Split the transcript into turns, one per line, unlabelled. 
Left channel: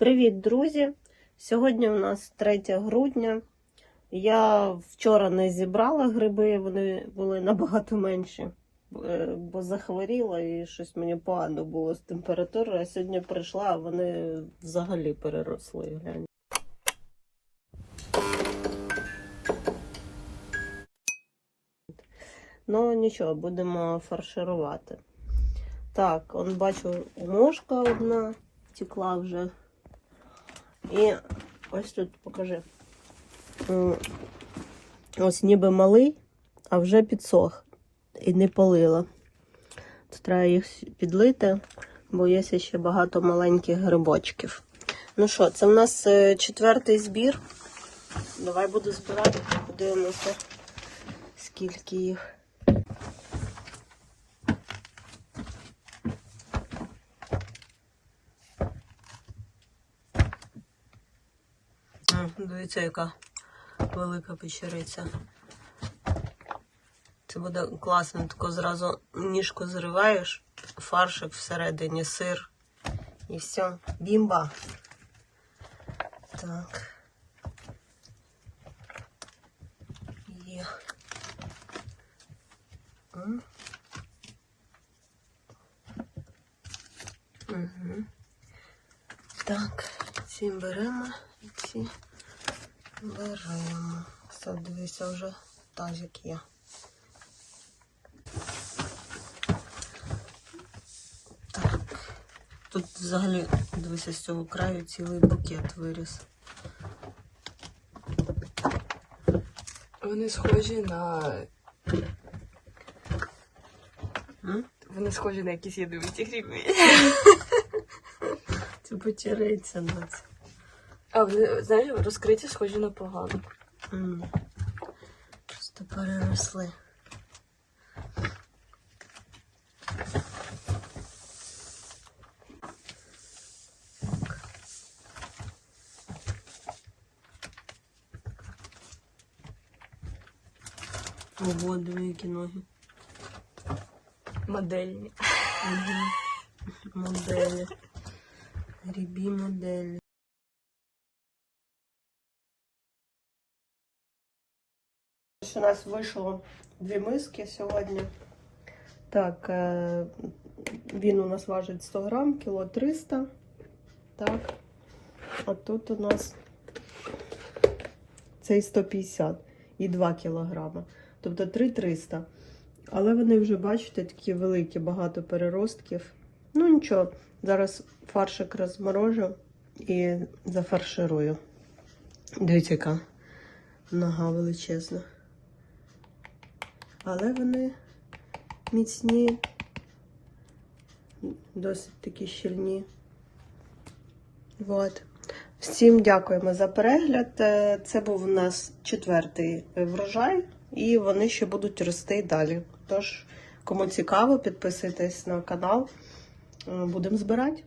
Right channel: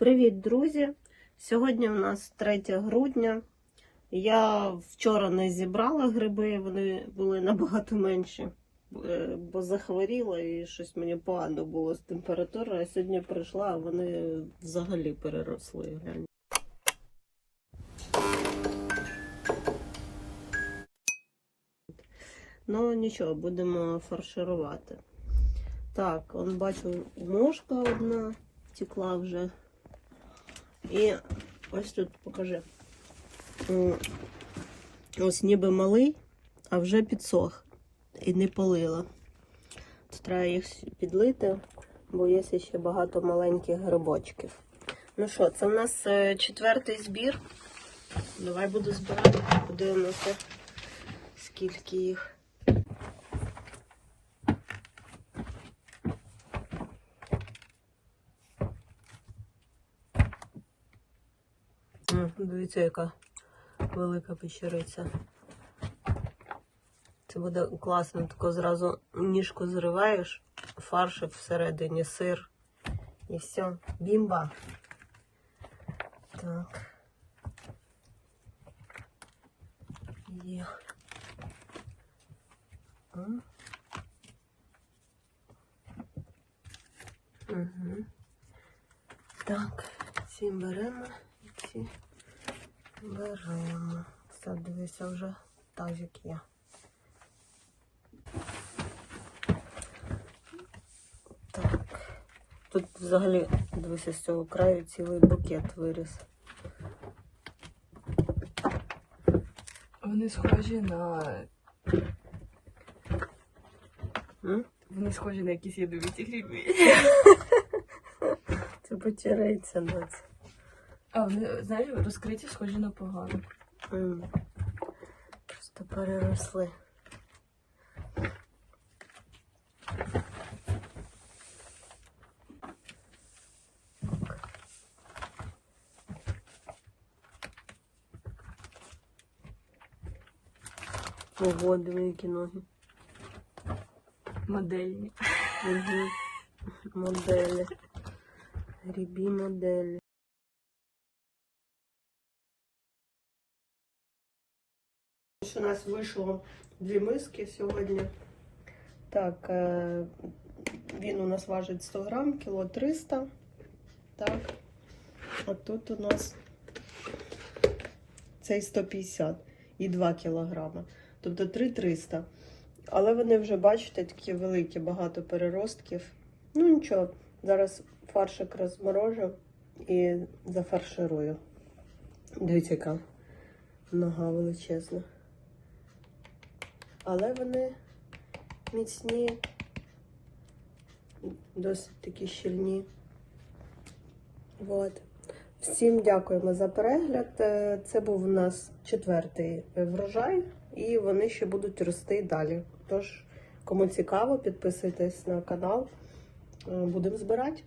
Привіт, друзі! Сьогодні у нас 3 грудня. Я вчора не зібрала гриби, вони були набагато менші, е, бо захворіла і щось мені погано було з температурою. А сьогодні прийшла, а вони взагалі переросли. Глянь. Ну нічого, будемо фарширувати. Так, он бачу, мошка одна втекла вже. І ось тут покажи. Ось ніби малий, а вже підсох і не полила. То треба їх підлити, бо є ще багато маленьких грибочків. Ну що, це в нас е, четвертий збір. Давай буду збирати, подивимося, скільки їх. М, Дивіться, яка велика печериця. Це буде класно, тако зразу ніжку зриваєш, фаршик всередині, сир. І все, бімба. Так. Є. Мгм. Так, ці беремо і ці беремо. Все, дивися, вже тазик є. Так. Тут взагалі, дивися, з цього краю цілий букет виріс.
Вони схожі на.
М?
Вони схожі на якісь ядовиті гриби.
Це потеряється на це.
А знаєш, розкриті схожі на погано.
М. Просто переросли. Ого, диви, які ноги.
Модельні.
Угу. Моделі. Грібі моделі. У нас вийшло дві миски сьогодні. Так, е, він у нас важить 100 грам, кіло 300. Так. А тут у нас цей 150 і 2 кілограма. Тобто 3-300. Але вони вже, бачите, такі великі, багато переростків. Ну нічого, зараз фаршик розморожу і зафарширую. Дивіться, яка нога величезна. Але вони міцні, досить такі щільні. От. Всім дякуємо за перегляд. Е, Це був у нас четвертий врожай, і вони ще будуть рости далі. Тож, кому цікаво, підписуйтесь на канал. Е, Будемо збирати.